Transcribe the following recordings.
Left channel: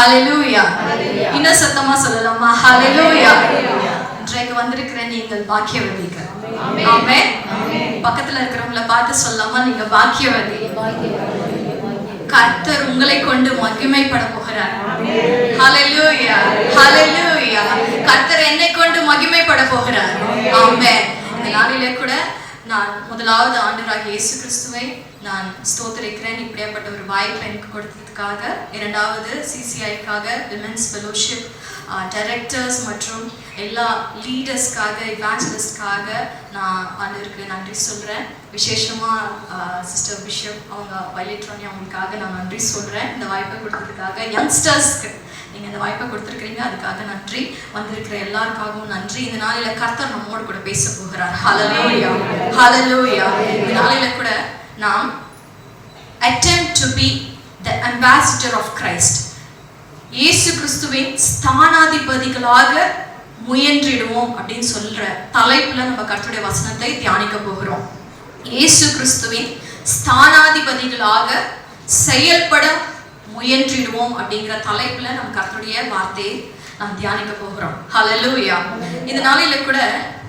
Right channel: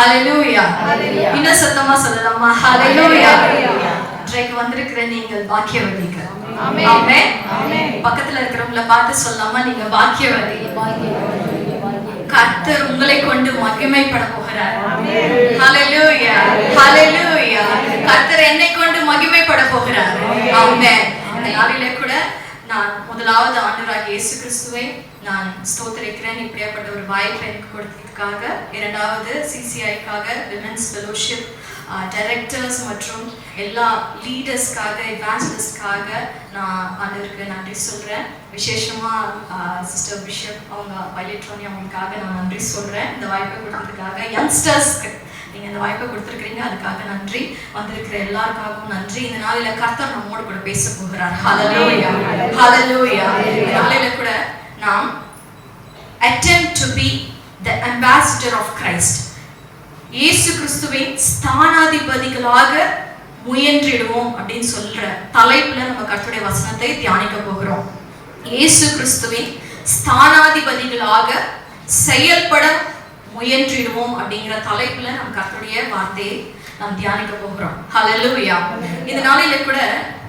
ஹalleluya. இன்னும் சத்தமா சொல்லலாமா? ஹalleluya. இன்றைக்கு வந்திருக்கிற நீங்கள் பாக்கியவதிகள். ஆமென். பக்கத்துல இருக்கிறவங்கள பார்த்து சொல்லாமா, நீங்க பாக்கியவதி. கர்த்தர் உங்களை கொண்டு மகிமைப்பட போகிறார். ஹalleluya, ஹalleluya. கர்த்தர் என்னை கொண்டு மகிமைப்பட போகிறார். ஆமென். இந்த நாளிலே கூட நான் முதலாவது ஆண்டவராகிய இயேசு கிறிஸ்துவை நான் ஸ்தோத்திரிக்கிறேன். இப்படியாப்பட்ட ஒரு வாய்ப்பை எனக்கு கொடுத்ததுக்காக. இரண்டாவது சிசிஐக்காக, விமென்ஸ் ஃபெலோஷிப் டைரக்டர்ஸ் மற்றும் எல்லா லீடர்ஸ்க்காக, இவாஞ்சலிஸ்ட்காக நான் ஆண்டவருக்கு நன்றி சொல்கிறேன். விசேஷமாக சிஸ்டர் பிஷப் அவங்க பைலட்ரானி அவங்களுக்காக நான் நன்றி சொல்கிறேன். இந்த வாய்ப்பை கொடுத்ததுக்காக. யங்ஸ்டர்ஸ்க்கு நீங்கள் இந்த வாய்ப்பை கொடுத்துருக்கிறீங்க, அதுக்காக நன்றி. வந்திருக்கிற எல்லாருக்காகவும் நன்றி. இந்த நாளில் கர்த்தர் நம்மோடு கூட பேச போகிறார். ஹalleluya, ஹalleluya. இந்த நாளில் கூட நாம் attempt to be the ambassador of Christ, இயேசு கிறிஸ்துவின் ஸ்தானாதிபதிகளாக முயன்றிடுவோம் அப்படின்னு சொல்ற தலைப்புல நம்ம கர்த்தருடைய வசனத்தை தியானிக்க போகிறோம். இயேசு கிறிஸ்துவின் ஸ்தானாதிபதிகளாக செயல்பட முயன்றிடுவோம் அப்படிங்கிற தலைப்புல நம்ம கர்த்தருடைய வார்த்தையை நாம் தியானிக்க போகிறோம். ஹalleluya. இந்த நாளில கூட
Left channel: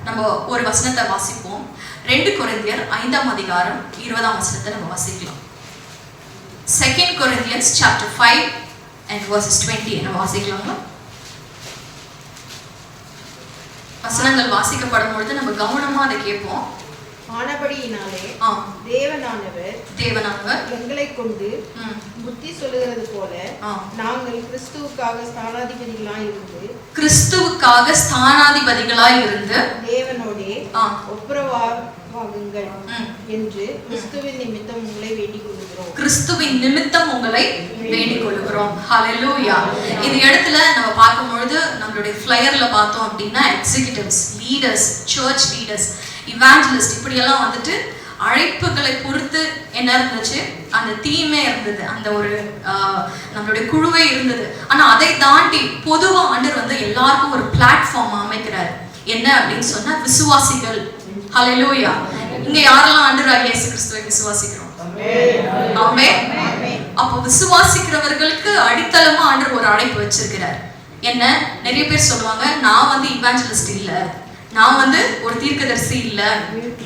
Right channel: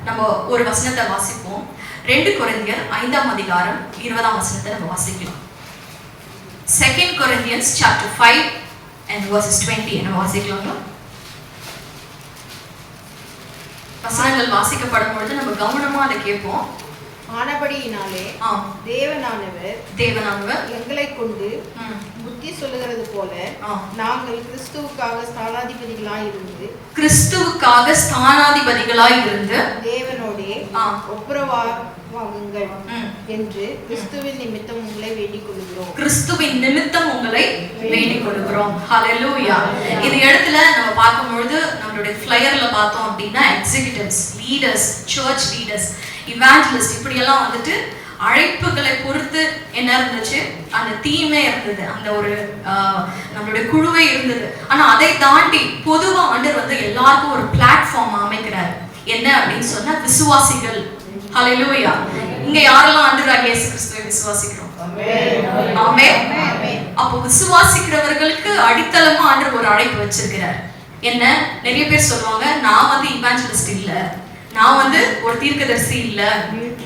நம்ம ஒரு வசனத்தை வாசிப்போம். 2 கொரிந்தியர் 5ஆம் அதிகாரம் 20ஆம் வசனத்தை நம்ம வாசிக்கலாம். 2 Corinthians chapter 5 and verses 20 நம்ம வாசிக்கலாமா? வசனங்கள் வாசிக்கப்படும் பொழுது நம்ம கவனமா அதை கேட்போம். ஆனபடியினாலே தேவனானவர் எங்களை கொண்டு புத்தி சொல்லுகிறது போல நாங்கள் கிறிஸ்துவுக்காக ஸ்தானாதிபதிகளாய் இருந்து தேவனோடே ஒப்புரவாகுங்கள் என்று கிறிஸ்துவின் நிமித்தம் உங்களை வேண்டிக் கொள்கிறோம். கிறிஸ்துவின் நிமித்தம் உங்களை வேண்டிக் கொள்கிறோம். ஹalleluya. இந்த இடத்துல நம்ம பார்க்கும்பொழுது நம்மளுடைய ஃப்ளையர்ல பார்த்தோம் அப்படின்னா executives, leaders, church leaders, evangelist இப்படியெல்லாம் வந்துட்டு அழைப்புகளை பொறுத்து என்ன இருந்துச்சு, அந்த தீமே இருந்தது, அந்த ஒரு நம்மளுடைய குழுவே இருந்தது. ஆனா அதை தாண்டி பொதுவா ஆண்டவர் வந்து எல்லாருக்கும் ஒரு பிளாட்ஃபார்ம் அமைக்கிறார். என்ன அப்படின்னு சொன்னா விசுவாசிகள். ஹalleluya. இங்க யாரெல்லாம் ஆண்டவராகிய இயேசு கிறிஸ்துவை விசுவாசிக்கிறோம்? ஆமென். அப்போ விசுவாசிக்கிறவர்களுக்கு அடித்தளமா ஆண்டவர் ஒரு அழைப்பு வச்சிருக்கிறார். என்ன, நிறைய பேர் சொல்லுவாங்க, நான் வந்து இவாஞ்சலிஸ்ட் இல்ல, நான் வந்து ஒரு தீர்க்கதரிசி இல்ல,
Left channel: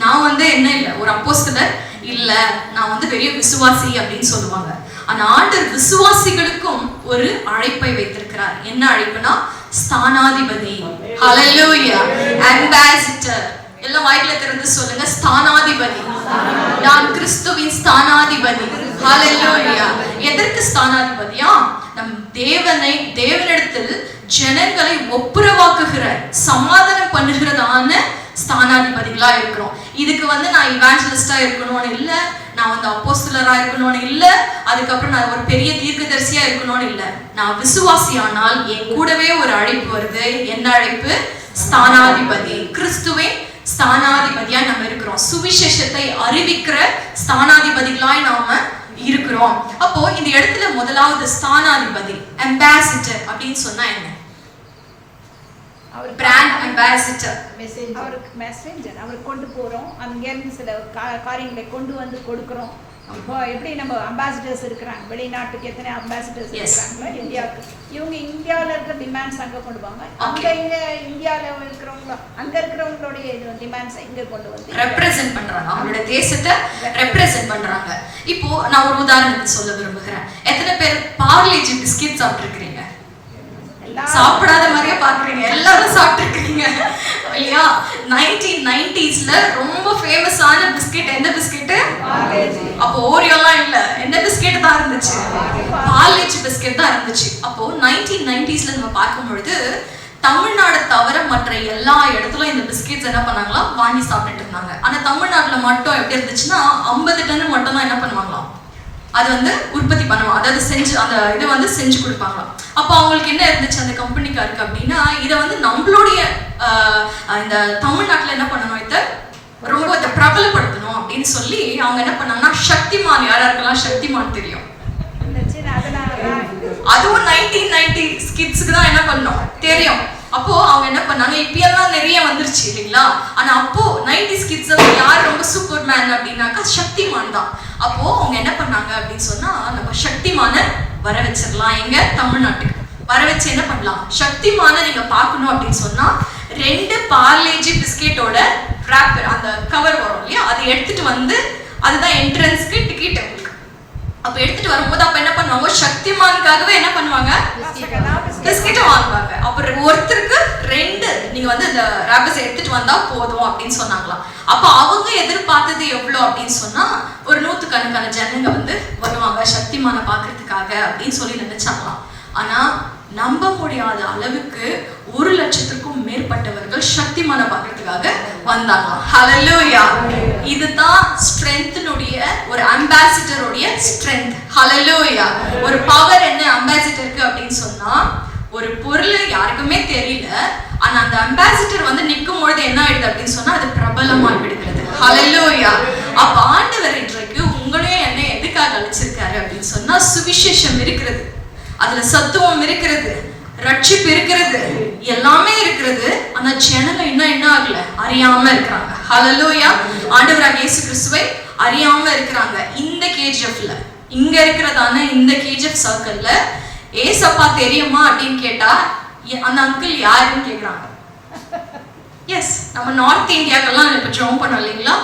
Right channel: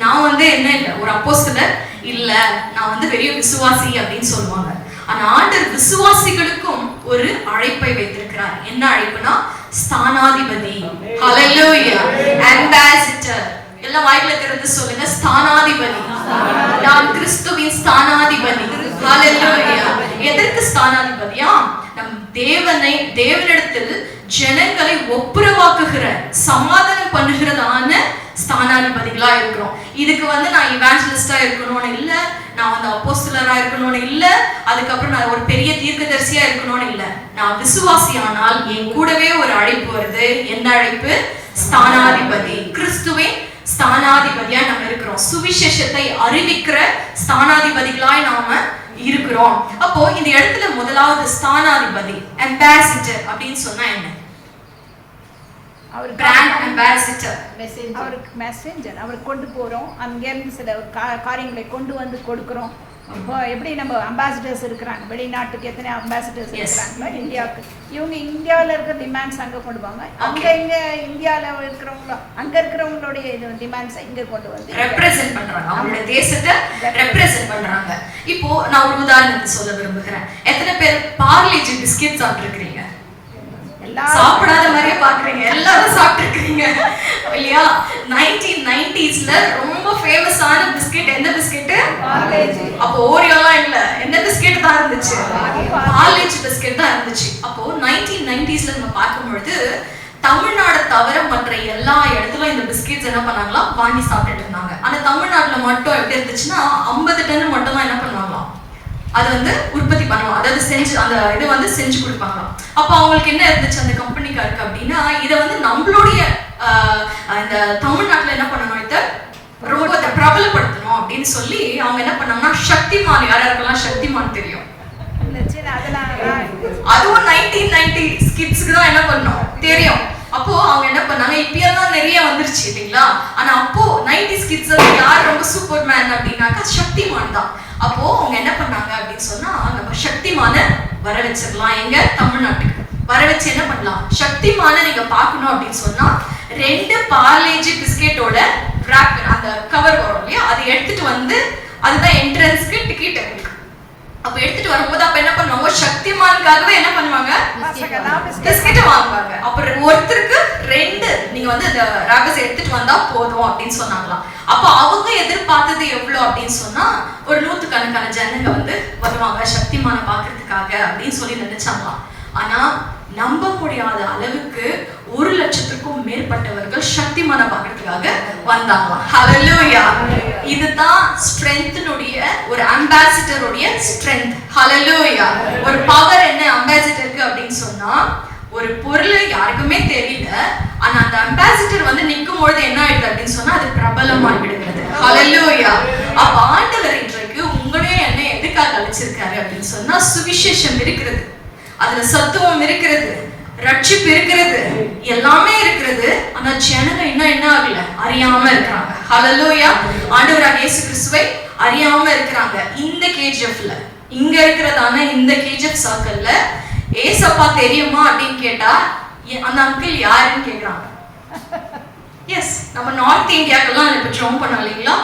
நான் வந்து என்ன இல்ல, ஒரு அப்போஸ்தலர் இல்ல, நான் வந்து பெரிய விசுவாசி அப்படின்னு சொல்லுவாங்க. ஆனா ஆண்டவர் விசுவாசிகளுக்கும் ஒரு அழைப்பை வைத்திருக்கிறார். என்ன அழைப்புனா ஸ்தானாதிபதி. ஹalleluya. அம்பாசிடர். எல்லாம் வாயில திறந்து சொல்லுங்க, ஸ்தானாதிபதி. நான் கிறிஸ்துவின் ஸ்தானாதிபதி. ஹalleluya. எதற்கு ஸ்தானாதிபதியா? நம் தேவனிடத்தில் ஜனங்களை ஒப்புரவாக்குகிற, சமாதானம் பண்ணுகிறதான ஸ்தானாதிபதிகளா இருக்கிறோம். இதுக்கு வந்து நான் இவாஞ்சலிஸ்டா இருக்கணும்னு இல்ல, நான் வந்து அப்போஸ்தலரா இருக்கணும்னு இல்ல, அதுக்கப்புறம் நான் ஒரு பெரிய தீர்க்கதரிசியா இருக்கணும்னு இல்ல. நான் விசுவாசியானால் என் கூடவே ஒரு அழைப்பு வருது. என்ன அழைப்பு? ஸ்தானாதிபதி. கிறிஸ்துவின் ஸ்தானாதிபதியா நம்ம இருக்கிறோம். சுவிசேஷத்தை அறிவிக்கிற ஸ்தானாதிபதிகளாய் நாம இருக்கிறோம். அப்போ இந்த இடத்துல முதலாவது ஸ்தானாதிபதி, அம்பாசிடர் அப்படின்னு சொன்னா என்ன? Brand ambassador, messenger. அவர் கொண்டு போறோம், அங்கேருந்து சில காரியங்களை கொண்டு வந்து கொடுக்கிறோம். இப்போ எப்படி நம்ம அம்பாசிடர்ஸ் இருக்கிறாங்க, வெளிநாட்டுக்கு எத்தனை அம்பாசிடர்ஸ் இருக்கிறாங்களோ இந்தியாவுக்கு, இவங்க இந்தியாவில் இருக்கிற டிமாண்ட்ஸ் அங்கே கொண்டு வாங்க, அங்கே இந்தியாவில் இருக்கிறவங்க அங்கே இருக்கிறவங்களுடைய டிமாண்ட்ஸை இங்கே கொண்டு வந்து ரெப்ரசென்ட் பண்றாங்க, அவங்களோட தேசத்தை ரெப்ரசென்ட் பண்றாங்க. இப்போ நான் ஒரு உதாரணத்தை சொல்ல விரும்புகிறேன். எத்தனை பேர் பார்லேஜி பிஸ்கெட் சாப்பிட்டுருக்கீங்க? சாப்பிடாத மாதிரியே பாக்குறீங்க, எல்லாரும் சாப்பிட்டுருக்கீங்க இல்லையா? 1990s ரொம்ப ஃபேமஸான பிஸ்கெட் எந்த பிஸ்கெட்? அப்போ ஓரியோலாம் இல்ல, என்ன பிஸ்கெட் தான் இருந்துச்சு? பார்லேஜி பிஸ்கெட் தான் இருந்துச்சு. அப்போ 1990s நம்ம பார்க்கும்பொழுது தமிழ்நாடு தவிர மற்ற எல்லா இடத்துலயும் இந்த பிஸ்கெட்ஸ் என்ன பண்ணாங்களாம், வாங்கி சாப்பிட்டுட்டு இருந்தாங்க. ஆனா தமிழ்நாட்டுல மட்டும் எப்படி இருந்துச்சுன்னா 50 டன் மட்டும் தான் என்ன பண்ணுவாங்களாம், அது வந்து உற்பத்தி பண்ணுவாங்க, அதாவது செஞ்சு அந்த இதை வந்து செஞ்சு கொடுப்பாங்களாம். அப்போ அவங்களுக்கு என்ன இருந்துச்சு அந்த கம்பெனிக்காருக்கு அப்படின்னா, இதை வந்து நம்மளுடைய இந்த தமிழ்நாட்டில் என்ன பண்ணணும், இதை ரொம்ப இதை பிரபலப்படுத்தணும் அப்படின்னு சொல்லி அவங்க என்ன பண்ணாங்கன்னா சக்திமான், யாராருக்கெல்லாம் சக்திமான் தெரியும்? அதுவும் 1990 கிட்ஸ்க்கு தான் என்ன பண்ணோம் தெரியும். அப்போ அவங்க என்ன பண்ணாங்க, இப்பெல்லாம் நிறைய வந்துருச்சு இல்லைங்களா? ஆனா அப்போ 90s கிட்ஸ் யார் ரொம்ப சூப்பர் மேன் அப்படின்னாக்கா சக்திமான் தான். அப்போ அவங்க என்ன பண்ணாங்க அப்படின்னு சொன்னா, நம்ம சக்திமான வர வச்சிடலாம். எங்க தமிழ்நாட்டுக்கு வர வச்சு என்ன பண்ணலாம், சக்திமான நீங்க பார்க்கணும் அப்படின்னு சொன்னா 2 பார்லேஜி பிஸ்கெட்டோட ராப்பர் அந்த கவர் வரும் இல்லையா, அதை எடுத்துட்டு வந்து அதுதான் என்ட்ரன்ஸ்க்கு டிக்கெட் உங்களுக்கு. அப்ப எடுத்துட்டு வரும்போது அப்ப என்ன பண்ணுவாங்க, சக்திமானுக்காகவே என்ன பண்ணுவாங்க, பிஸ்கெட்டை வாங்குவாங்க. அப்புறம் ஒருத்தருக்கு 2 நீங்க வந்து இந்த ராப்பர்ஸ் எடுத்துட்டு வந்தா போதும் அப்படின்னு சொன்னாங்களாம். அப்ப அவங்க எதிர்பார்த்தது எவ்வளவு அப்படின்னு சொன்னா ஒரு 100கணக்கான ஜனங்க வந்து வருவாங்க சக்திமான பாக்குறதுக்காக அப்படின்னு சொல்லி நினைச்சாங்களாம். ஆனா நம்ப முடியாத அளவுக்கு 1,00,000க்கும் மேற்பட்டவர்கள் சக்திமான பாக்குறதுக்காக வந்தாங்க. ஹல்லேலூயா. இதுதான் ஸ்ட்ரெngthனுடைய ஒரு அம்பாசிடருடைய ஸ்ட்ரெngth. ஹல்லேலூயா. ஒரு பவர் என்ன அம்பாசிடருக்கு அப்படின்னு சொன்னா, ஒரு பொருள் யாருக்குமே தெரியல, ஆனா அந்த அம்பாசிடர் வந்து நிக்கும் பொழுது என்ன ஆயிடுது அப்படின்னு சொன்னா அது பிரபலமாய் விடுகிறது. ஹல்லேலூயா. அப்ப ஆண்டவர் இன்றைக்கு உங்களையும் என்ன எதுக்காக அழைச்சிருக்காரு அப்படின்னு சொன்னா, சுவிசேஷம் இருக்கிறது, அதுல சத்துவம் இருக்கிறது, ரட்சிப்பு இருக்கிறது, எல்லாமே இருக்கிறது. ஆனா ஜனங்க இன்னும் என்ன ஆகல, அறியாம இருக்கிறாங்க. ஹல்லேலூயா. ஆண்டவராகிய இயேசு கிறிஸ்துவை அறியாம இருக்கிறாங்க. இந்த கேஜிஎஃப்ல இங்க இருக்கிறதான இந்த கேஜிஎஃப் சர்க்கிள்ல ஏசப்பா தெரியுமா அப்படின்னு கேட்டா அந்த அங்கிள் யாருன்னு கேக்குறாங்க. எஸ், நம்ம நார்த் இந்தியாக்கெல்லாம் இப்ப ஜோம் பண்ணோம் இல்லைங்களா,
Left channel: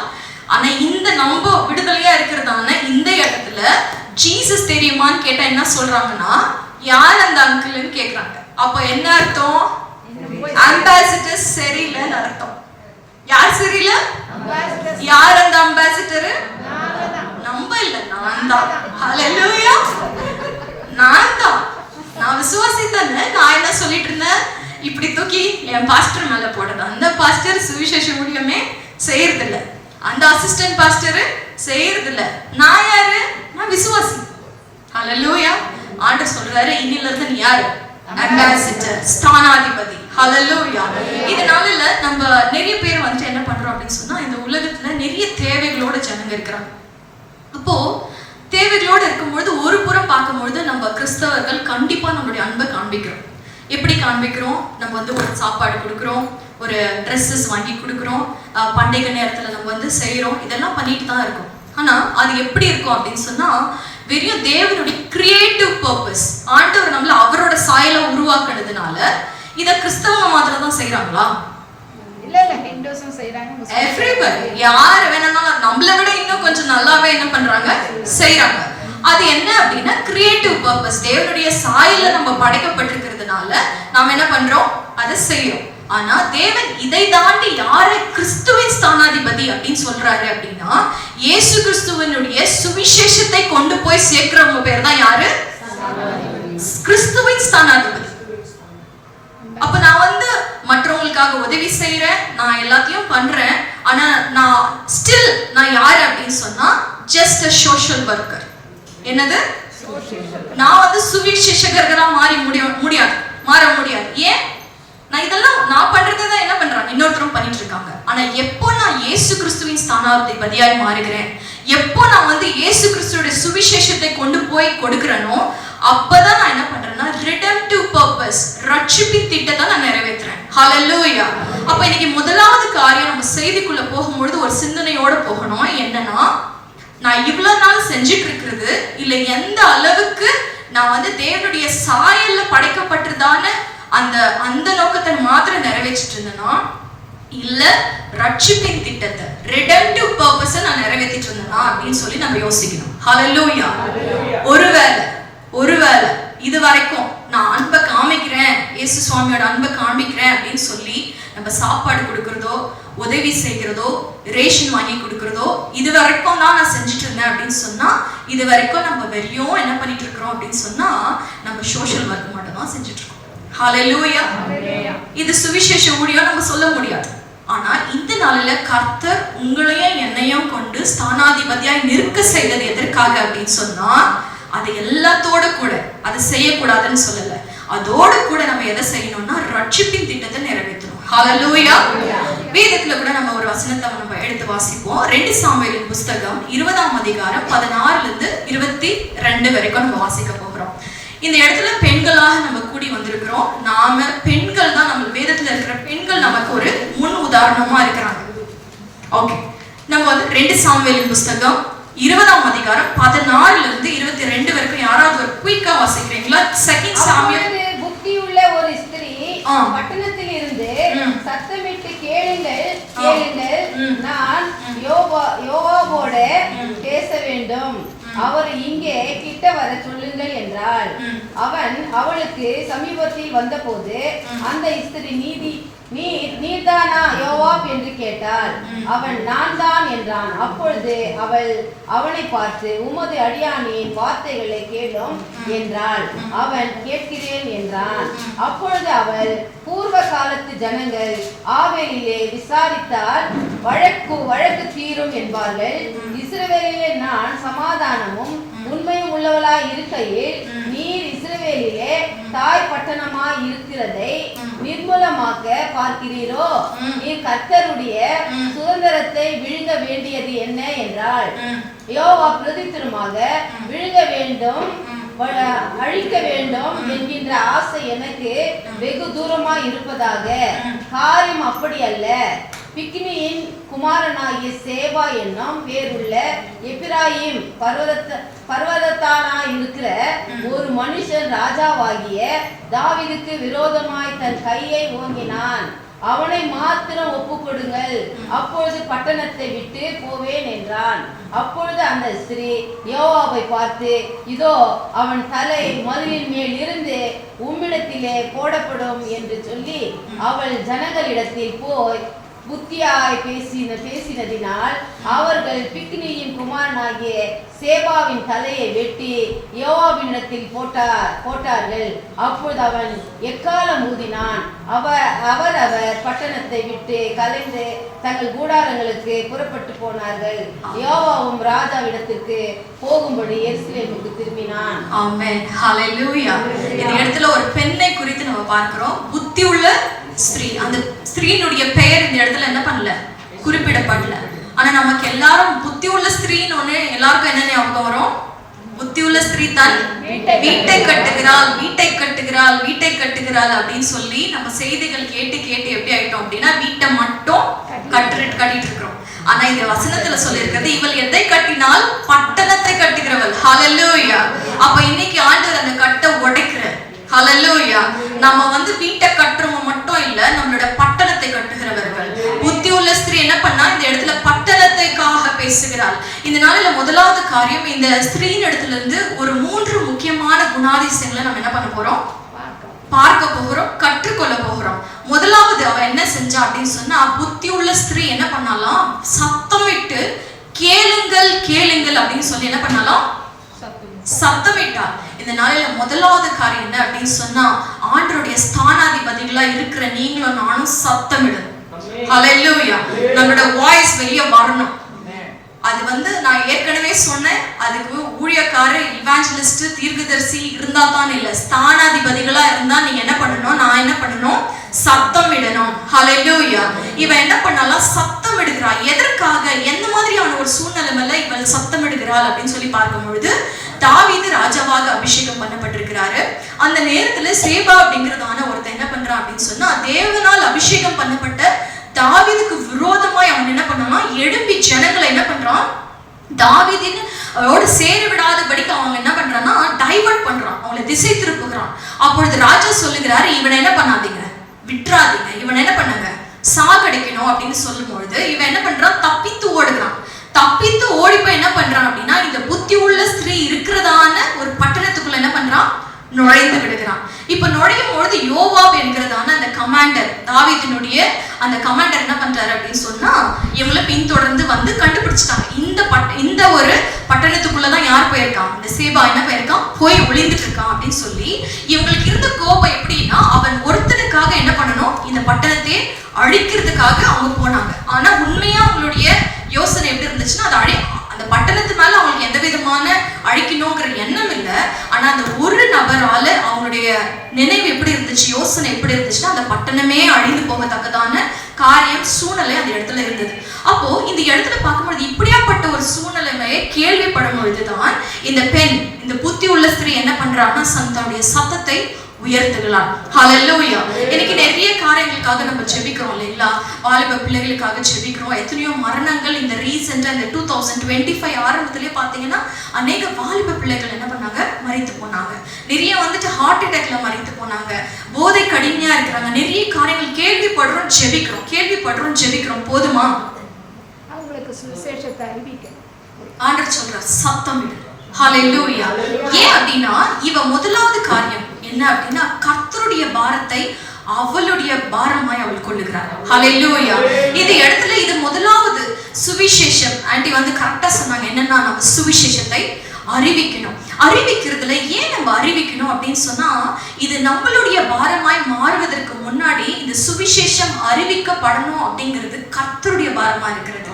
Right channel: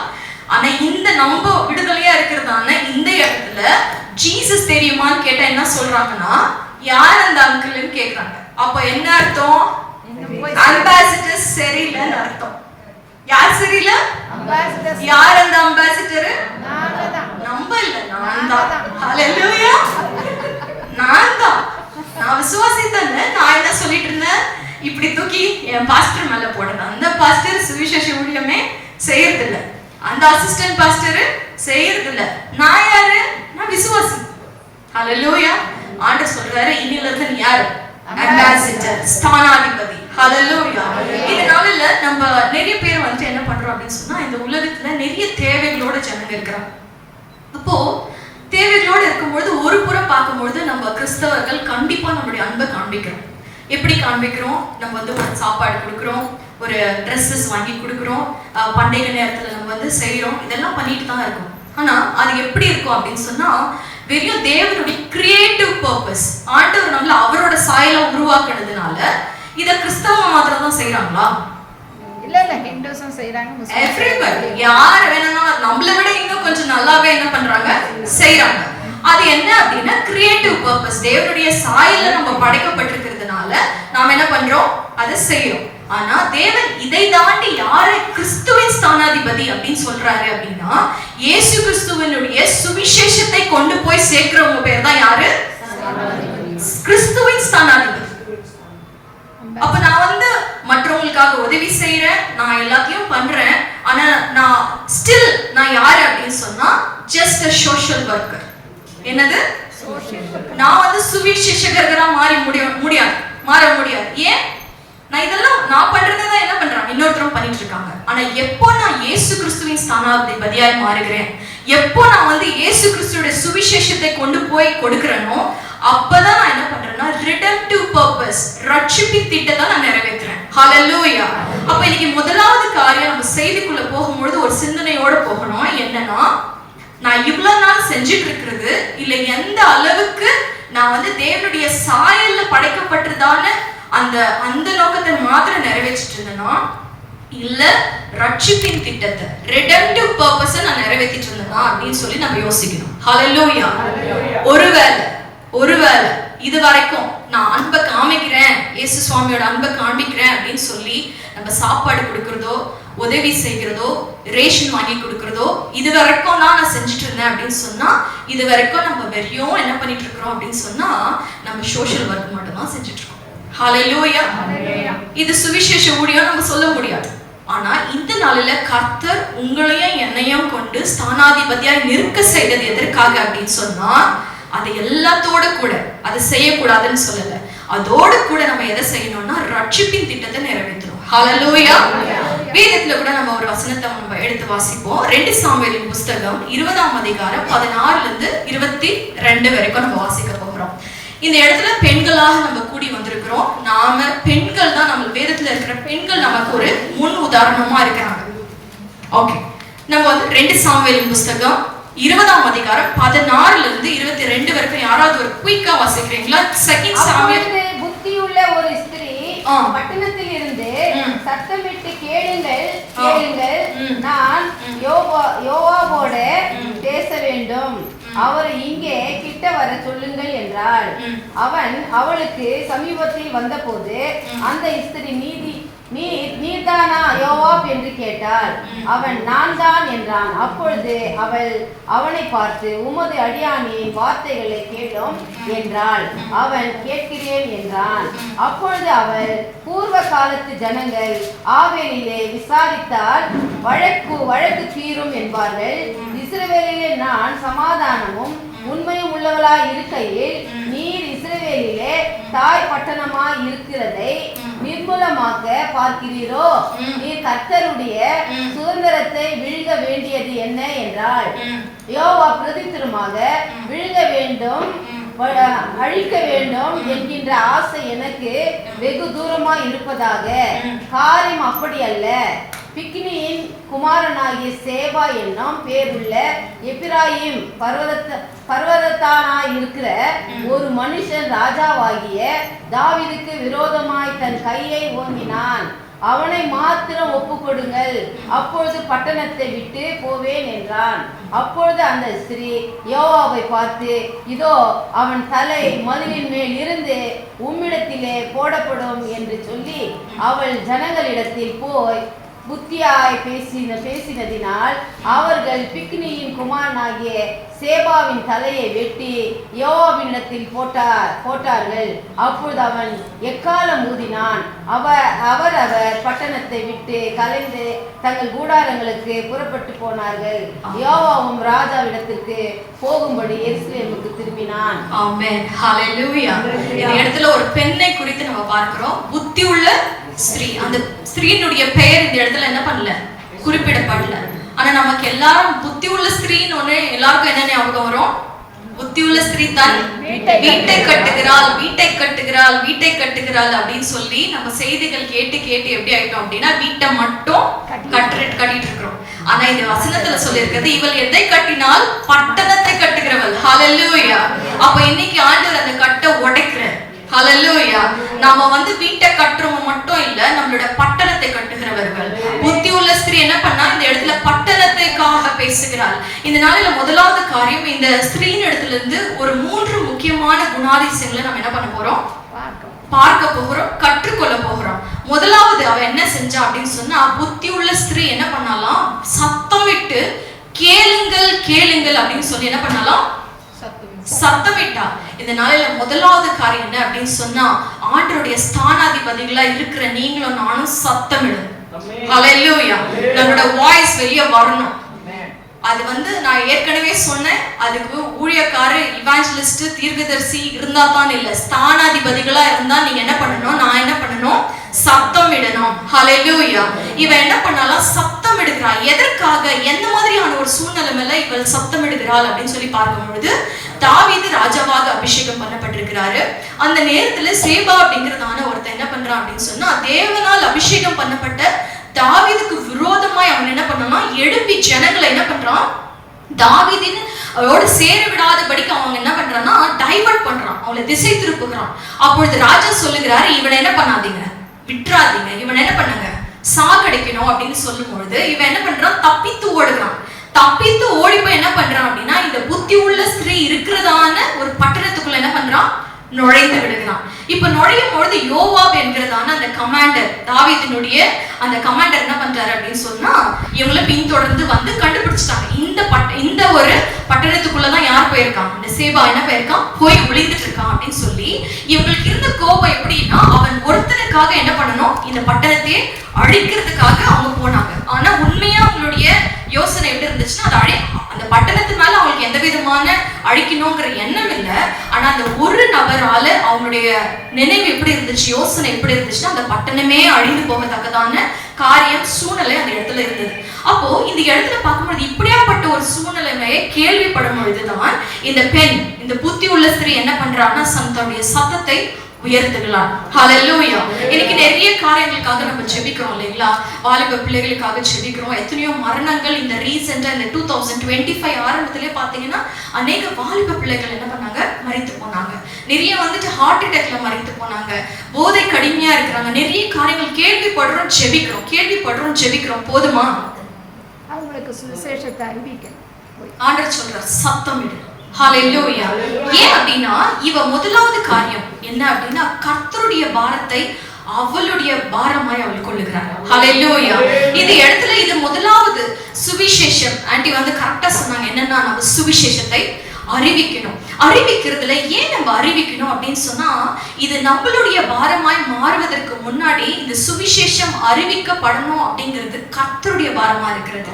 ஆனா இந்த நம்ம விடுதலையா இருக்கிறதான இந்த இடத்துல ஜீசஸ் தெரியுமான்னு கேட்டா என்ன சொல்றாங்கன்னா, யார் அந்த அங்கிள்னு கேக்குறாங்க. அப்ப என்ன அர்த்தம், அம்பாசிடர் சரியில்லைன்னு அர்த்தம். யார் சரியில்லை, யார் அந்த அம்பாசிடர், நம்ம இல்ல, நான் தான். ஹல்லேலூயா. நான் தான், நான் விசுவாசித்தேன். நான் என்ன சொல்லிட்டு இருந்தேன், இப்படி தூக்கி என் பாஸ்டர் மேல போடுறது. அந்த பாஸ்டர் சுவிசேஷ ஊழியமே செய்யறது இல்ல, அந்த அசிஸ்டன்ட் பாஸ்டர் செய்யறது இல்ல. நான் யாரு, நான் விசுவாசி. ஹல்லேலூயா. ஆண்டவர் சொல்றாரு, இன்னில இருந்து நீ யாரு, அம்பாசிடர், ஸ்தானாதிபதி. ஹல்லேலூயா. இதனால நம்ம நிறைய பேர் வந்து என்ன பண்றோம் அப்படின்னு சொன்னா, இந்த உலகத்துல நிறைய தேவைகளோட ஜனங்க இருக்கிறாங்க. அப்போ தேவைகளோடு இருக்கும்பொழுது ஒரு புறம் பார்க்கும்பொழுது நம்ம கிறிஸ்தவர்கள் கண்டிப்பா நம்மளுடைய அன்பை காண்பிக்கிறோம். எப்படி காண்பிக்கிறோம், நம்ம வந்து ஒரு சாப்பாடு கொடுக்குறோம், ஒரு ட்ரெஸ்ஸஸ் வாங்கி கொடுக்குறோம், பண்டிகை நேரத்துல நம்ம வந்து செய்யறோம், இதெல்லாம் பண்ணிட்டு தான் இருக்கோம். ஆனா அது எப்படி இருக்கும் அப்படின்னு சொன்னா, வெறும் தேவனுடைய கிரியேட்டிவ் பர்பஸ், ஆண்டவர் நம்மள அவரோட சாயல உருவாக்குனதுனால இத கிறிஸ்தவ மாத்திரம் தான் செய்யறாங்களா? இல்ல இல்ல, ஹிந்துஸும் செய்றாங்க, எவ்ரிபடி. யார் வேணா நம்மள விட இன்னும் கொஞ்சம் நல்லாவே என்ன பண்றாங்க, செய்யறாங்க. அது என்ன அப்படின்னா கிரியேட்டிவ் பர்பஸ். தேவனுடைய சாயல நம்ம படைக்கப்பட்டிருக்கிறதுனால நாம என்ன பண்றோம், அதை செய்யறோம். ஆனா தேவன் இதை தாண்டி யாரை கிறிஸ்துவின் ஸ்தானாதிபதி அப்படின்னு சொல்றாரு அப்படின்னா, இயேசு கிறிஸ்துவினுடைய சுவிசேஷத்தை கொண்டு போய் சேர்க்கிறவங்க பேர் தான் யாரு, கிறிஸ்துவின் ஸ்தானாதிபதி. அப்ப நான் வந்து மற்றவங்களுக்காக உதவி செய்யறேன், நான் எல்லாத்தையும் பண்றேன், ஆனா நான் ஸ்டில் நான் யாரு அப்படின்னு சொன்னா ஜஸ்ட் a social worker. என்னது, நான் வந்து சுவிசேஷகரா மாற முடியாது. ஏன், நான் இதெல்லாம் நான் பண்றதுதான் என்ன பண்றாங்க, இன்னொருத்தரும் பண்ணிட்டு இருக்காங்க. ஆனா எப்போ நான் இயேசு கிறிஸ்துவின் ஸ்தானாதிபதியாய் மாறுகிறேன், எப்போ நான் வந்து இயேசு கிறிஸ்துவோட சுவிசேஷத்தை கொண்டு போய் கொடுக்கிறேனோ, அப்பதான் நான் என்ன பண்றேன்னா redemptive purpose, ரட்சிப்பின் திட்டத்தை நான் நிறைவேற்றுறேன். ஹல்லேலூயா. அப்ப இன்னைக்கு முதலாவது காரியம் நம்ம செய்திக்குள்ள போகும்பொழுது ஒரு சிந்தனையோட போகணும். என்னன்னா, நான் இவ்வளவு நாள் செஞ்சுட்டு இருக்கிறது இல்ல எந்த அளவுக்கு நான் வந்து தேவனுடைய சாயல்ல படைக்கப்பட்டதான அந்த நோக்கத்தை மாத்திரம் நிறைவேற்றிட்டு இருந்தேனா, இல்ல ரட்சிப்பின் திட்டத்தை redemptive purpose நான் நிறைவேற்றிட்டு இருந்தேனா அப்படின்னு சொல்லி நம்ம யோசிக்கணும். ஹல்லேலூயா. ஒருவேளை இது வரைக்கும் நான் அன்பை காமிக்கிறேன், இயேசு சுவாமியோட அன்பை காமிக்கிறேன் அப்படின்னு சொல்லி நம்ம சாப்பாடு கொடுக்கறதோ, உதவி செய்கிறதோ, ரேஷன் வாங்கி கொடுக்கறதோ இது வரைக்கும் நான் செஞ்சுட்டு இருந்தேன் அப்படின்னு சொன்னா, இது வரைக்கும் நம்ம வெறியும் என்ன பண்ணிட்டு இருக்கிறோம் அப்படின்னு சொன்னா நம்ம சோஷியல் ஒர்க் மட்டும் தான் செஞ்சுட்டு இருக்கோம். ஹல்லேலூயா. இது சுவிசேஷ ஊழியம் நம்ம சொல்ல முடியாது. ஆனா இந்த நாளில கர்த்தர் உங்களையும் என்னையும் கொண்டு ஸ்தானாதிபதியாய் நிற்க செய்தது எதற்காக அப்படின்னு சொன்னா, அது எல்லாத்தோட கூட அதை செய்யக்கூடாதுன்னு சொல்லல, அதோடு கூட நம்ம எதை செய்யணும்னா ரட்சிப்பின் திட்டத்தை நிறைவேற்றணும். ஹல்லேலூயா. வேதத்துல கூட நம்ம ஒரு வசனத்தை நம்ம எடுத்து வாசிப்போம். 2 சாமுவேலின் புஸ்தகம் 20ஆம் அதிகாரம் 16ல இருந்து 22 வரைக்கும் நம்ம வாசிக்க போகிறோம். இந்த இடத்துல பெண்களாக நம்ம கூடி வந்திருக்கிறோம். நாம பெண்கள் தான், நம்ம வேதத்துல இருக்கிற பெண்கள் நமக்கு ஒரு முன் உதாரணமா இருக்கிறாங்க. ஓகே, நம்ம வந்து 2 சாமுவேலின் புஸ்தகம் 20ஆம் அதிகாரம் 16 இருந்து 22 வரைக்கும் யாராவது ஒரு குயிக்கா வாசிக்கிறீங்களா? Second Samuel. புத்தியுள்ள ஒரு ஸ்திரீ பட்டணத்தில் இருந்து சத்தமிட்டு கேளுங்கள் கேளுங்கள், நான் யோவாவோட பேச வேண்டும், அவர் இங்கே கிட்ட வர சொல்லுங்கள் என்றாள். அவன் அவளுக்கு சமீபத்தில் வந்தபோது அந்த ஸ்திரீ நீர்தானா யோவாப் என்று கேட்டாள். அவன் நான் தான் என்றான். அப்பொழுது அவள் அவனை பார்த்து உமது அடியானின் வார்த்தைகளை கேளும் என்றாள். அவன் கேட்கிறேன் என்றான். அப்பொழுது அவள் பூர்வ காலத்து ஜனங்கள் ஆவேலிலே விசாரித்தால் வழக்கு தீரும் என்பார்கள். இஸ்ரவேலிலே நான் சமாதானமும் உண்மையும் உள்ளவளாய் இருக்கையில் நீர் இஸ்ரவேலிலே தாய் பட்டணமாய் இருக்கிறதை நிர்மூலமாக்க பார்க்கிறீரோ? நீர் கர்த்தருடைய சுதந்திரத்தை விழுங்க வேண்டியது என்ன என்றாள். யோவா பிரதித்திரமாக விழுங்க வேண்டும் அழிக்க வேண்டும் என்கின்ற ஆசை எனக்கு வெகு தூரமாய் இருப்பதாக. காரியம் அப்படி அல்ல. பிக்னியின் குமாரனாகிய சேபா என்னும் பேருள்ள எப்பிராயிம் பர்வதத்தானாய் இருக்கிற ஒரு மனுஷன் ராஜாவாகிய தாவீதுக்கு விரோதமாய் தன் கையை ஓங்கினான். அவனை மாத்திரம் ஒப்புக்கொடுங்கள், அப்பொழுது பட்டணத்தை விட்டு போவேன் என்றான். அப்பொழுது அந்த ஸ்திரீ யோவாவை பார்த்து, இதோ அவன் தலை மதிலின் மேல் இருந்து உம்மிடத்திலே போடப்படும் என்று சொல்லி அவள் ஜனங்களிடத்தில் போய் புத்தியாய் பேசினதினால் அவர்கள் பிக்னியின் குமாரனாகிய சேபாவின் தலையை வெட்டி யோவாவினிடத்தில் போட்டார்கள். அப்பொழுது அவன் எக்காலம் ஊதினான். அவர் பட்டணத்தை விட்டு கலைந்து தங்கள் கூடாரங்களுக்கு புறப்பட்டு போனார்கள். யோவாவும் ராஜாவிடத்திற்கு போகும்படி எருசலேமுக்கு திரும்பினான். ஆமென். ஹல்லேலூயா. இந்த இடத்துல ஒரு பெண்ணை குறித்து நம்ம பார்க்கிறோம். புத்தி உள்ள ஸ்திரீ. அந்த ஸ்திரீனுடைய பெயர் இந்த இடத்துல என்ன பண்ணல, குறிப்பிடப்படல. ஆனா நமக்கு எல்லாரும் புத்தி உள்ள ஸ்திரீன்னு ஒண்ணு எல்லாருக்கும் என்ன ஞாபகம் வரும்? புத்தி உள்ள ஸ்திரீ தான் வீட்டை கட்டுகிறாள், வீட்டை கட்டுகிறாள், வீட்டை கட்டுகிறாள் அப்படின்னு சொல்லி நம்ம செய்திகள் கேட்டு கேட்டு எப்படி ஆயிட்டோம் அப்படின்னா வீட்டை மட்டும் கட்டிட்டு இருக்கிறோம். ஆனா இந்த வசனத்துல சொல்லியிருக்கிறது, இவள் எதை கட்டினால் பட்டணத்தை கட்டுகிறவள். ஹல்லேலூயா. அப்ப இன்னைக்கு ஆண்டவர் அந்த கட்டை உடைக்கிற. ஹல்லேலூயா. நாம வீட்டை கட்டுறவங்க மட்டும் இல்ல, நம்மளோட பட்டணத்தை கட்டுகிறவர்கள். புத்தி உள்ள ஸ்திரீ என்ன பண்ணா இந்த இடத்துல பட்டணத்தைக்காக பேசுகிறாள். இந்த நாளில முதலாவது காரியம், இந்த ஸ்திரீயின் இடத்துல இருந்து ஒரு 3 முக்கியமான குணாதிசயங்களை நம்ம என்ன பண்ண போறோம், பார்க்க போகிறோம், கற்றுக்கொள்ள போகிறோம். முதலாவது அவ என்ன செஞ்சா அப்படின்னு சொன்னா, புத்தி உள்ள ஸ்திரீ என்ன பண்ணாலாம், சத்தமிட்டு கேளுங்கள் கேளுங்கள் அப்படின்னு சொல்லி என்ன பண்ணாலாம், சத்தமிட்டா. இந்த நாளில முதலாவது காரியம் என்ன அப்படின்னு சொன்னா, ஆண்டவருடைய ஸ்தானாதிபதிகளா இருக்கிற நீங்களும் நானும் சத்தமிடு. ஹல்லேலூயா. நம்மளோட வாய்ஸ் வெளியே வரணும். அது நான் ஏற்கனவே சொன்னேன், அதுக்கு ஊழியக்காரர், இவாஞ்சலிஸ்ட், தீர்க்கதரிசி இருந்தா தான் இல்ல, ஸ்தானாதிபதிகளா இருந்தா நீங்க என்ன பண்ணணும், நான் என்ன பண்ணணும், சத்தம் இடணும். ஹல்லேலூயா. இவன் என்ன பண்ணாலாம், சத்தம் எடுக்கிறாள். எதற்காக, எந்த மாதிரியான ஒரு சூழ்நிலை மேல இவள் சத்தம் எடுக்கிறாள் அப்படின்னு சொல்லி பார்க்கும் பொழுது, தாவீது ராஜாவாக அபிஷேகம் பண்ணப்பட்டிருக்கிறாரு. அந்த நேரத்துல சேபா அப்படிங்கிறதான ஒருத்தன் என்ன பண்றான் அப்படின்னு சொன்னா, தேவனால் அபிஷேகம் பண்ணப்பட்ட தாவீதுக்கு விரோதமாய் அவன் என்ன பண்ணான், எழும்பி ஜனங்களை என்ன பண்றான், தாவீதின் அவரோட சேர விடாதபடிக்கு அவங்க என்ன பண்றான்னா டைவர்ட் பண்றான், அவங்களை திசை திருப்புகிறான். அப்பொழுது ராஜா சொல்லுகிறாரு, இவனை என்ன பண்ணாதீங்க, விட்டுறாதீங்க, இவனை என்ன பண்ணுங்க, சாகடிக்கணும் அப்படின்னு சொல்லும் பொழுது இவன் என்ன பண்றான், தப்பித்து ஓடுகிறான். தப்பித்து ஓடி போய் என்ன பண்றான் அப்படின்னா, இந்த புத்தி உள்ள ஸ்திரீ இருக்கிறதான ஒரு பட்டணத்துக்குள்ள என்ன பண்றான், நுழைந்து விடுகிறான். இப்ப நுழையும் பொழுது யோவாப் என்கிறதான அந்த கமாண்டர், தாவீதினுடைய அந்த கமாண்டர் என்ன பண்றாரு அப்படின்னு சொன்னா, இவங்களை பின்தொடர்ந்து கண்டுபிடிச்சிட்டாங்க. இந்த ஒரு பட்டணத்துக்குள்ளதான் யார் போயிருக்கான், இந்த சேபா என்ன போயிருக்கான், போய் ஒளிந்துட்டு இருக்கான் அப்படின்னு சொல்லி இவங்களுக்கு இருந்த கோபம் எப்படின்னா, அவன் ஒருத்தனுக்காக என்ன பண்ணணும், இந்த பட்டணத்தையே அழிக்கிறதுக்காக அவங்க போனாங்க. ஆனா உண்மையா அவங்களுடைய யோசனை எப்படி இருந்துச்சுன்னா, அது அந்த பட்டணத்து மேல அவங்களுக்கு எந்த விதமான அழிக்கணுங்கிற எண்ணம் இல்லை. ஆனா அந்த ஒரு நபரால அவங்களுடைய நினைவு எப்படி இருந்துச்சு, யோசனை எப்படி இருந்துச்சுன்னா, அந்த பட்டணமே அழிந்து போகத்தக்கதான காரியம், சூழ்நிலை அந்த இடத்துல இருந்தது. அப்போ இந்த இடத்துல பார்க்கும்போது இப்படியாப்பட்ட ஒரு சூழ்நிலைமையை கேள்விப்படும் பொழுதுதான் இந்த பெண், இந்த புத்தி உள்ள ஸ்திரீ என்ன பண்றாங்கன்னா, தன்னுடைய சத்தத்தை உயர்த்துகிறார். ஹalleluya. இன்னைக்கு நிறைய காரியங்களுக்காக நம்ம ஜெபிக்கிறோம் இல்லைங்களா? வாலிப பிள்ளைகளுக்காக ஜெபிக்கிறோம். எத்தனையோ மரணங்கள் இந்த ரீசெண்டா இந்த 2025 ஆரம்பத்திலே பாத்தீங்கன்னா அநேக வாலிப பிள்ளைகள் என்ன பண்ணாங்க, மரித்து போனாங்க. நிறைய வந்துட்டு ஹார்ட் அட்டாக்ல மரித்து போனாங்க. போதை கடுமையா இருக்கிறாங்க. நிறைய காரியங்கள் கேள்விப்படுறோம், ஜெபிக்கிறோம். போதுமா? அவங்களுக்கு சுவிசேஷத்தை அறிவிக்க ஆண்டவர் சொல்றார், சத்தம் இடு. ஹalleluya. ஏன் அப்படின்னா இவ முதலாவது காரியம் என்ன அப்படின்னா கர்த்தருடைய பாரத்தை அவளுடைய பாரமாய் அவள் கொள்ளுகிறார். ஹalleluya. இந்த இடத்துல இது முதலாவது சுவிசேஷம். ஆண்டி வந்து கரெக்டா சொன்னாங்க, என்னன்னா நம்ம சுவிசேஷத்தை அறிவிக்கணும். அறிவிக்கிறதுல ஏன் நம்ம அறிவிக்கணும் அப்படின்னு சொன்னா, இது நம்மளுடைய பாரமாய் மாறுவதற்கு முன்னாடி இந்த சுவிசேஷம் அறிவிக்கப்படணும் அப்படிங்கிறது கர்த்தருடைய பாரமா இருக்கிறது.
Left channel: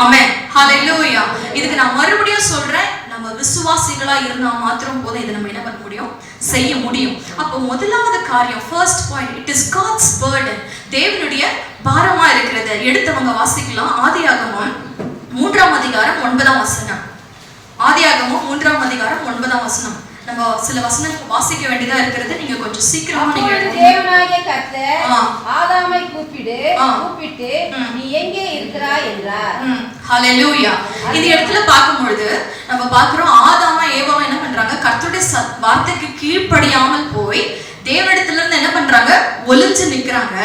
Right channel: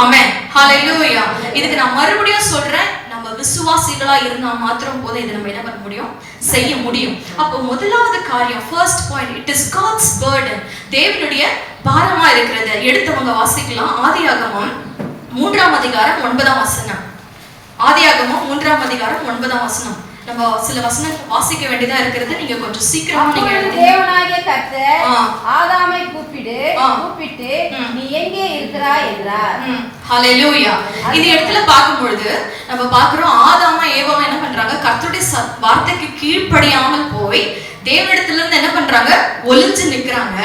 ஆமென். ஹalleluya. இதுக்கு நான் மறுபடியும் சொல்றேன், நம்ம விசுவாசிகளா இருந்தா மாத்திரம் போதும் இதை நம்ம என்ன பண்ண முடியும், செய்ய முடியும். அப்போ முதலாவது காரியம், first point, it is God's burden. தேவனுடைய பாரமா இருக்கிறது. எடுத்தவங்க வாசிக்கலாம். ஆதியாகமம் 3ஆம் அதிகாரம் 9ஆம் வசனம். ஆதியாகமம் 3ஆம் அதிகாரம் 9ஆம் வசனம். நம்ம சில வசனம் வாசிக்க வேண்டியதா இருக்கிறது. நீங்க கொஞ்சம் சீக்கிரமா நீங்க தேவனாகிய கர்த்தர் ஆதாமை கூப்பிட்டு நீ எங்கே இருக்கிறாய் என்றார். ஹalleluya. இந்த இடத்துல பார்க்கும்பொழுது நம்ம பார்க்கிறோம், ஆதாமா ஏவாவும் என்ன பண்றாங்க, கர்த்தருடைய வார்த்தைக்கு கீழ்ப்படியாமல் போய் தேவனிடத்துல இருந்து என்ன பண்றாங்க, ஒளிஞ்சு நிக்கிறாங்க.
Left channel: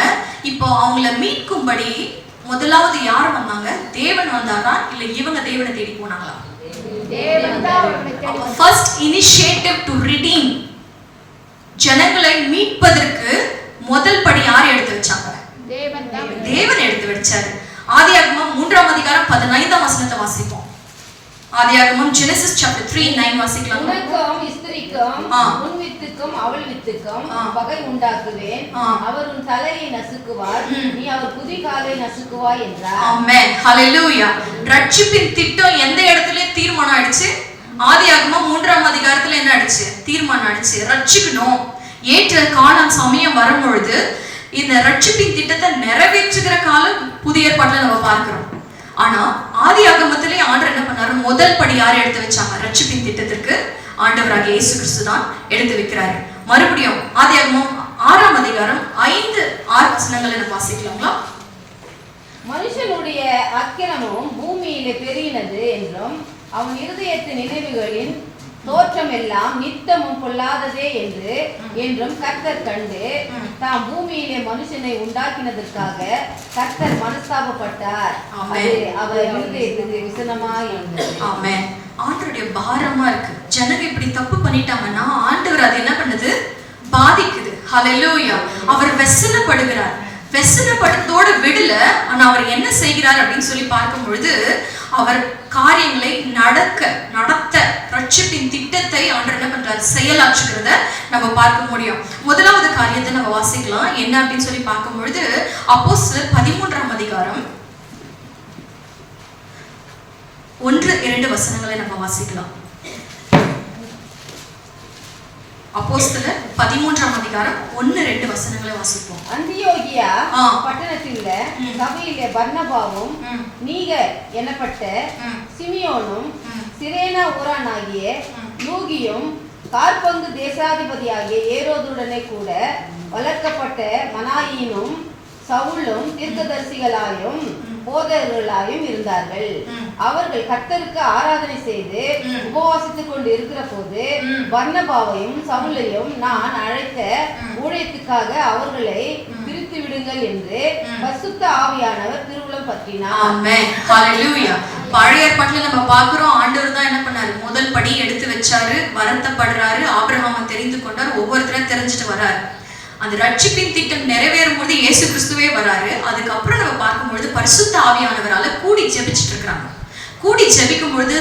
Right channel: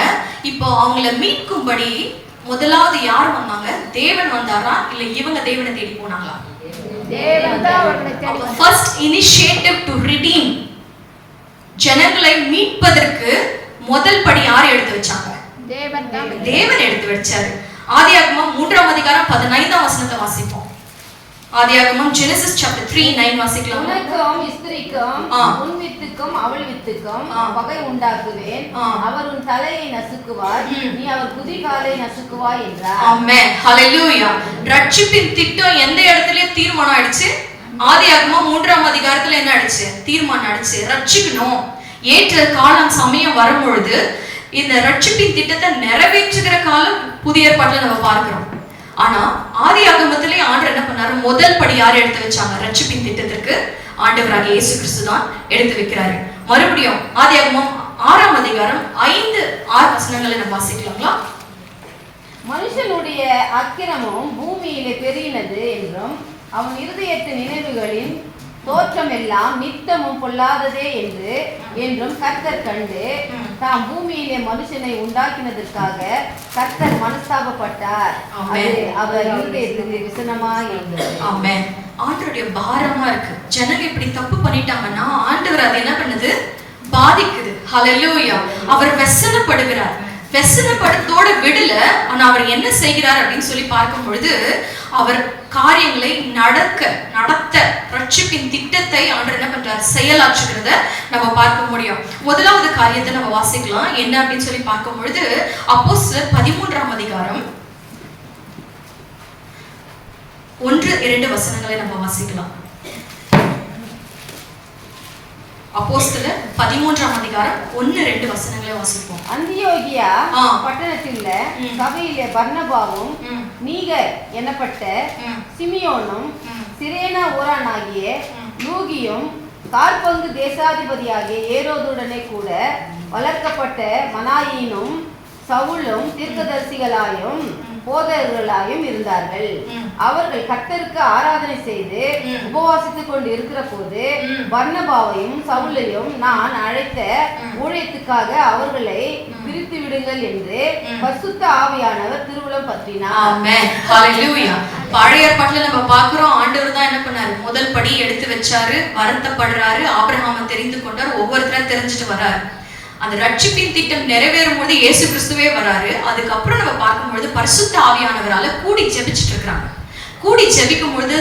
இப்போ அவங்கள மீட்கும்படி முதலாவது யார் வந்தாங்க? தேவன் வந்தாரா இல்ல இவங்க தேவனை தேடி போனாங்களா? First initiative to redeem, ஜனங்களை மீட்பதற்கு முதல் படி யார் எடுத்து வச்சாங்க? தேவன் எடுத்து வச்சாரு. ஆதியாகமம் 3ஆம் அதிகாரம் 15ஆம் வசனத்தை வாசிப்போம். ஆதியாகமம் Genesis chapter 3:9 வாசிக்கலாம். உனக்கும் ஸ்திரீக்கும் உன் வித்துக்கும் அவள் வித்துக்கும் பகை உண்டாக்குவேன். அவர் உன் தலையை நசுக்குவார், நீ அவர் குதிகாலை நசுக்குவாய் என்றார். ஆமென். ஹalleluya. ரட்சிப்பின் திட்டம் எந்த இடத்துலயே தீர்மானம் ஆயிடுச்சு. ஆதியாகமம் 3ஆம் அதிகாரத்துல என்ன ஆயிடுச்சு, தீர்மானம் ஆயிடுச்சு. ரட்சிக்கணும். ஏற்ற காலம் சமயம் வரும்பொழுது இந்த ரட்சிப்பின் திட்டத்தை நிறைவேற்றுகிற காலம் புதிய ஏற்பாட்டுல நம்ம பார்க்கிறோம். ஆனா ஆதியாகமத்திலே ஆண்டவர் என்ன பண்ணாரு, முதல் படி யார் எடுத்து வச்சாங்க? ரட்சிப்பின் திட்டத்திற்கு ஆண்டவராகிய இயேசு கிறிஸ்து தான் எடுத்து வைக்கிறாரு. மறுபடியும் ஆதியாகமம் 6ஆம் அதிகாரம் 5-6 வசனங்களை நம்ம வாசிக்கலாங்களா? மனுஷனுடைய அக்கிரமம் பூமியிலே பெருகினது என்றும் அவன் இருதயத்தின் நினைவுகளின் தோற்றம் எல்லாம் நித்தமும் பொல்லாததே என்றும் கர்த்தர் கண்டு தாம் பூமியிலே மனுஷனை உண்டாக்கினதற்காக கர்த்தர் மனஸ்தாபப்பட்டார். அவர் இருதயத்துக்கு விசனமாய் இருந்தது. ஆமென். ஆண்டவருடைய பாரமா இருக்கு. ஜனங்க இப்படி தப்பு பண்ணிட்டாங்கன்னா ஆண்டவர் அதை என்ன பண்ணுது, பாதிக்குது. ஹalleluya. அவர் வெசனப்படுகிறார். வெசனப்படுத்தோட விடல, ஆனா அவர் என்ன செய்கிறார் அப்படின்னு சொல்லி பார்க்கும் பொழுது அவர் காரியங்களை நடத்த ரட்சிப்பின் திட்டத்தை ஆண்டவர் என்ன பண்றார், செயலாற்றுகிறத நம்ம பார்க்க முடியும். முதலாவது காரியத்தை நம்ம வாசிக்கலாம். என்ன அப்படின்னு சொல்லி பார்க்கும் பொழுது அப்போஸ்தலர் 13ஆம் அதிகாரம் 1-2 வசனங்களை நம்ம வாசிக்கலாம். அப்போஸ்தலர் 13ஆம் அதிகாரம் 1-2 வசனங்களை வாசிப்போம். அந்தியோகியா பட்டணத்தில் சபையிலே பர்னபாவும் நீகர் எனப்பட்ட சிமியோனும் சிரேனா ஊரானாகிய லூகியும் கார்பங்கு தேசாதிபதியாகிய ஏரோதுடனே கூட வளர்க்கப்பட்ட மனாயினும் சவுலும் தீர்க்கதரிசிகளாயும் போதகர்களாயும் இருந்தார்கள். அவர்கள் கர்த்தருக்கு ஆராதனை செய்து உபவாசித்துக் கொண்டு இருக்கிற போது பர்னபாவையும் சவுலையும் நான் அழைத்த ஊழியத்துக்காக அவர்களை பிரித்து விடுங்கள் என்று பரிசுத்த ஆவியானவர் திருவுளம் பற்றினார். பழைய ஏற்பாட்டுல நம்ம பாக்குறோம், ஆண்டவர் தான் என்ன பண்ணாரு, முதல் படி எடுத்து வச்சாரு, வருத்தப்படுறாரு, ஆபிரகாமை தெரிந்து கொண்டார், ஒவ்வொருத்தரா தெரிஞ்சுட்டு வர்றாரு. அந்த ரட்சிப்பின் திட்டம் நிறைவேறும் போது இயேசு கிறிஸ்துவே வராரு. அதுக்கப்புறம் நம்ம பார்க்கும்பொழுது பரிசுத்த ஆவியானவரால கூடி ஜெபிச்சுட்டு இருக்கிறாங்க. கூடி ஜெபிக்கும் பொழுது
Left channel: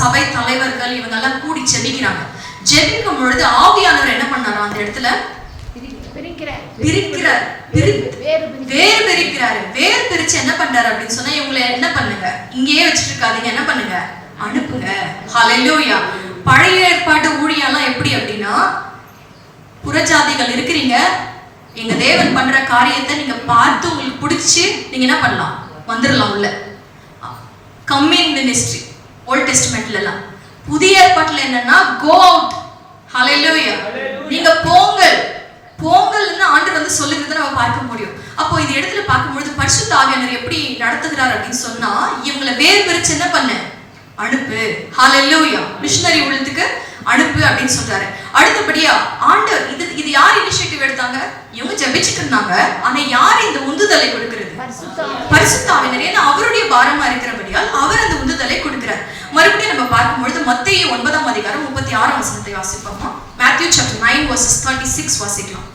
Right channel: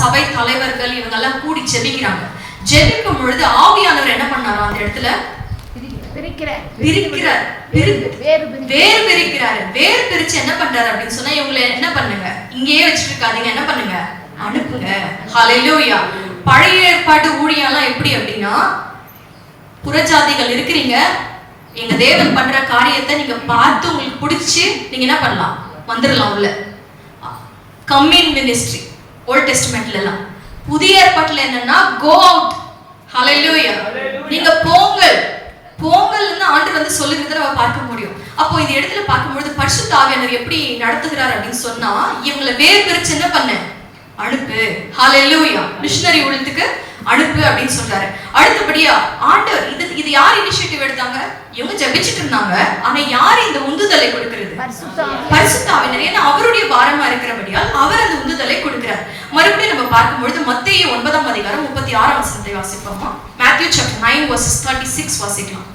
சபை தலைவர்கள் இவங்கெல்லாம் கூடி ஜெபிக்கிறாங்க. ஜெபிக்கும் பொழுது ஆவியானவர் என்ன பண்ணாரோ அந்த இடத்துல வேர் பிரிச்சு என்ன பண்றாரு அப்படின்னு சொன்னா, இவங்களை என்ன பண்ணுங்க, இங்கேயே வச்சுட்டு இருக்காதீங்க, என்ன பண்ணுங்க, அனுப்புங்க. ஹalleluya. பழைய ஏற்பாட்டு ஊழியெல்லாம் எப்படி அப்படின்னா, புறஜாதிகள் இருக்கிறீங்க, எங்க தேவன் பண்ற காரியத்தை நீங்க பார்த்து உங்களுக்கு பிடிச்சு நீங்க என்ன பண்ணலாம், வந்துடலாம் உள்ள. கம்மின் மினிஸ்ட்ரி ஓல்ட் டெஸ்ட்மெண்ட்ல எல்லாம். புதிய ஏற்பாட்டுல என்னன்னா கோ அவுட். ஹalleluya. நீங்க போங்கள் போங்கல்னு ஆண்டவர் வந்து சொல்லுகிறத நம்ம பார்க்க முடியும். அப்போ இந்த இடத்துல பார்க்கும்போது பரிசுத்த ஆவியானவர் எப்படி நடத்துகிறார் அப்படின்னு சொன்னா, இவங்களை வேர் பிரிச்சு என்ன பண்ண அனுப்பு. ஹalleluya. மிஷனரி ஊழியத்துக்கு அனுப்பு அப்படின்னு சொல்றாரு. அடுத்தபடியா ஆண்டவர் இது யார் இனிஷியேட்டிவ் எடுத்தாங்க? இவங்க ஜெபிச்சிட்டு இருந்தாங்க. ஆனா யார் இந்த உந்துதலை கொடுக்கிறது? பரிசுத்த ஆவியானவர். ஏன்னா அவருடைய பாரமா இருக்கிறபடியால் அவர் அந்த உந்துதலை கொடுக்கிறார். மறுபடியும் நம்ம பார்க்கும்பொழுது மத்தேயு 9ஆம் அதிகாரம் 36ஆம் வசனத்தை வாசிப்போமா? Matthew chapter 9 verses 36 வாசிக்கலாம்.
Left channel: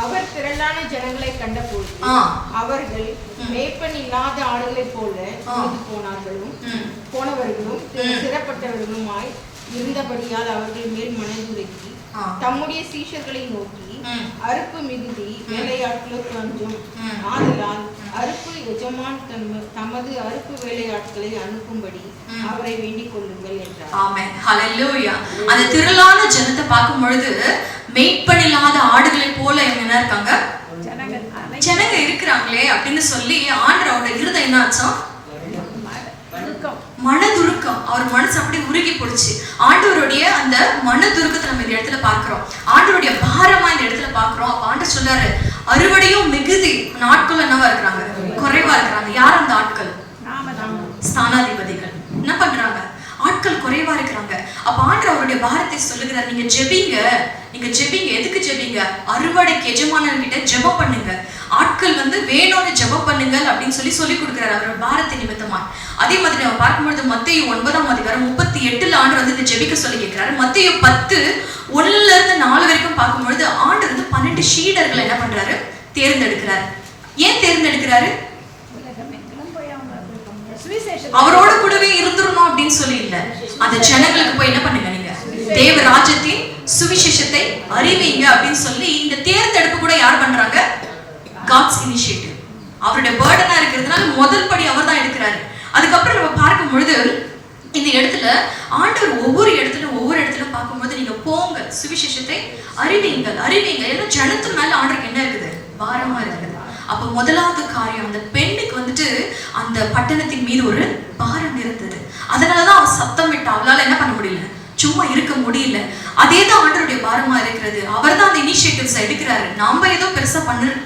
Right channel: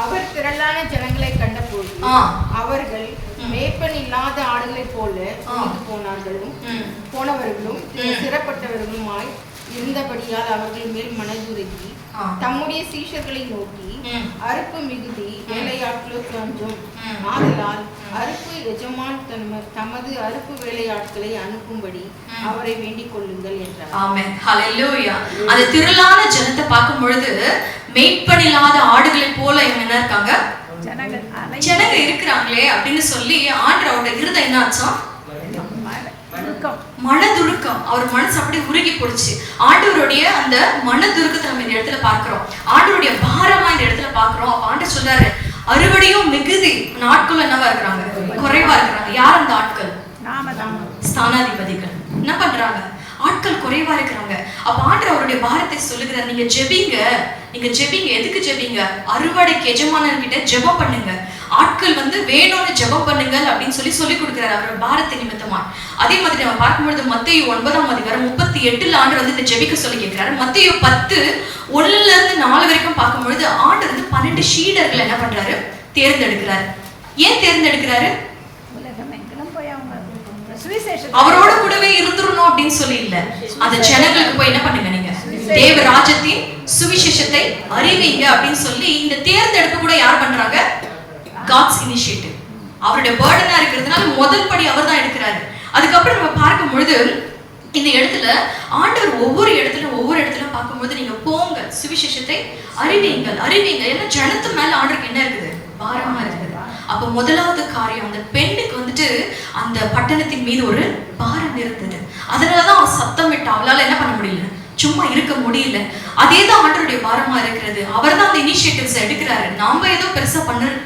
அவர் திரளான ஜனங்களை கண்டபோது அவர்கள் மேய்ப்பன் இல்லாத ஆடுகளைப் போல போனவர்களும் சிறப்பட்டவர்களுமாய் இருந்தபடியால் அவர்கள் மேல் மனதுருகி தம்முடைய சீஷர்களை நோக்கி, அறுப்பு மிகுதி, வேலையாட்களோ கொஞ்சம், ஆதலால் அறுப்பு எஜமான் தமது அறுப்பு வேலையாட்களை அனுப்பும்படி அவரை வேண்டிக் கொள்ளுங்கள் என்றார். ஆமென். ஹalleluya. அந்த திரளான ஜனத்தை பார்க்கும் பொழுது மேய்ப்பனில்லாத ஆடுகளை போல இவங்க என்ன இருக்காங்க? ஜனங்க இருக்கிறாங்களே அப்படின்னு சொல்லி ஆண்டவரோட இருதயம் என்ன ஆச்சா? மனதுருக்கம். அவர் மனசு அப்படியே உருகி போடுச்சு. ஆண்டவருடைய அந்த மனதுருக்கத்தை நம்ம இந்த இடத்துல பார்க்கிறோம். ஆண்டவருடைய பாரமா இந்த இடத்துல பார்க்கிறோம். அப்ப ஆண்டவர் சொல்றாரு, அறுவடையும் மிகுதி, நாட்கள் என்னவா இருக்கிறாங்க? குறைவா இருக்கிறாங்க. யார் அந்த ஆட்கள்? ஸ்தானாதிபதிகள். என்ன பண்றாங்க? ஆட்கள் குறைவா இருக்கிறாங்க. அப்ப ஆண்டவர் அவருடைய பாரத்தை சொல்லுகிறார், நீங்க ஜெபிங்க. எதுக்கு ஜெபிங்க? அறுவடைக்கு எஜமானர்கிட்ட ஜெபம் பண்ணுங்க. ஆட்கள் வந்து வேணும்னு ஜெபம் பண்ணுங்கள் அப்படின்னு சொல்லி கொடுக்கிறார் அவரோட பாரத்தை நிமித்தமா. அதே மாதிரி நம்ம பார்க்கும்பொழுது மத்தேயு 9ஆம் அதிகாரம் 38ல ஆண்டவர் வந்து இந்த ஜெபிக்க சொல்லி கேட்கிறாரு. மத்தேயு 10:1ல இருந்து 4 வரைக்கும் பார்க்கும்பொழுது ஆண்டவர் வந்து 12 சீடர்களை என்ன பண்றாரு? தேர்ந்தெடுக்கிறார். ஏன் தேர்ந்தெடுக்கிறாரு? அவரோட கூடவே இருந்துடணும் அப்படின்னு சொல்லி இல்ல. அந்த ஜனங்களுக்கு போய் என்ன பண்ணுங்க, நீங்க தேவ ராஜ்யத்தின் சுவிசேஷத்தை அறிவிங்க அப்படின்னு சொல்லி இந்த தேர்ந்தெடுப்பு கூட யார் பண்றாங்க? God's initiative. அவருடைய பர்டனா இருக்கிறதுனால முதல் படி அவர் தான் எடுக்கிறாரு. அதுக்கப்புறம் நம்ம பார்க்கும் பொழுது இந்த இடத்துல ஆண்டவர் ஒவ்வொரு இடத்துல பார்க்கும்போது நீங்க போங்க, சுவிசேஷத்தை அறிவிங்க. ஏன்னா ஜனத்து மேல ஆண்டருக்கு என்ன இருக்குது? பாரமா இருக்குது. அப்ப முதலாவது காரியம், அந்த பெண்ணுக்கு வந்துட்டு அந்த பட்டணத்தின் மீது ஒரு பாரம் இருந்தது. அதனாலதான் அவன் சத்தம் விட்டா. அவளால என்ன பண்ண முடியல? சும்மா இருக்க முடியல. அதே தான் ஆண்டவருடைய பாரமா இருக்கிறது. அவர் தான் அந்த இனிஷியேட்டிவ்ஸ் எடுக்கிறாரு. நாம ஏதோ பெருசா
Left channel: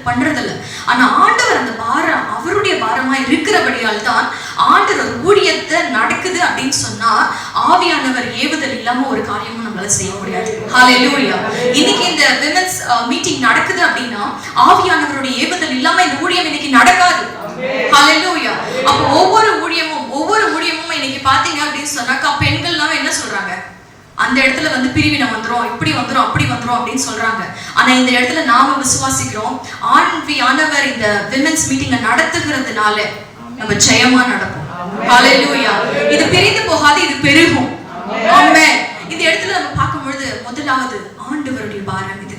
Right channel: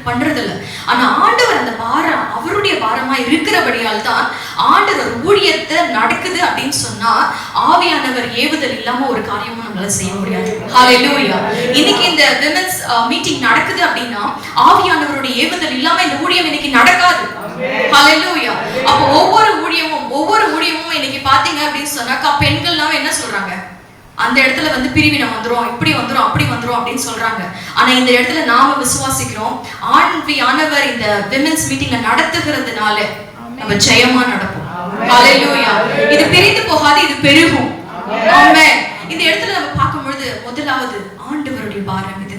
பண்றதில்ல. ஆனா ஆண்டவர் அந்த பாரம் அவருடைய பாரமா இருக்கிறபடியால் தான் ஆண்டவர் ஊழியத்தை நடக்குது அப்படின்னு சொன்னா ஆவியானவர் ஏவுதல் இல்லாம ஒரு காரியமும் நம்மளால செய்ய முடியாது. ஹalleluya. இன்னைக்கு இந்த விமென்ஸ் மீட்டிங் நடக்குது அப்படின்னா ஆவியானவருடைய ஏவுதல் இல்லாம இந்த ஊழியம் இன்னைக்கு நடக்காது. ஹalleluya. அப்ப ஒவ்வொரு ஊழியமும் இன்னைக்கு பாத்தீங்க அப்படின்னு சொன்னாக்கா பெண்கள்லாம் என்ன சொல்றாங்க? அந்த இடத்துல வந்து பிரிவினை வந்துரும், இப்படி வந்துரும், அப்படி வந்துரும் அப்படின்னு சொல்றாங்க. ஆனா இந்த இடத்துல நாம விசுவாசிக்கிறோம், ஆண்டவர் இந்த விமென்ஸ் மீட்டிங்க நடத்துகிறதுனால நம்ம ஜெயமா நடப்போம். ஹalleluya. இது பிரிந்து போகாது, இது பெருகும். ஆமென். இந்த இடத்துல நம்ம பார்க்கும்பொழுது முதலாவது ஆண்டவருடைய பாரம் இது.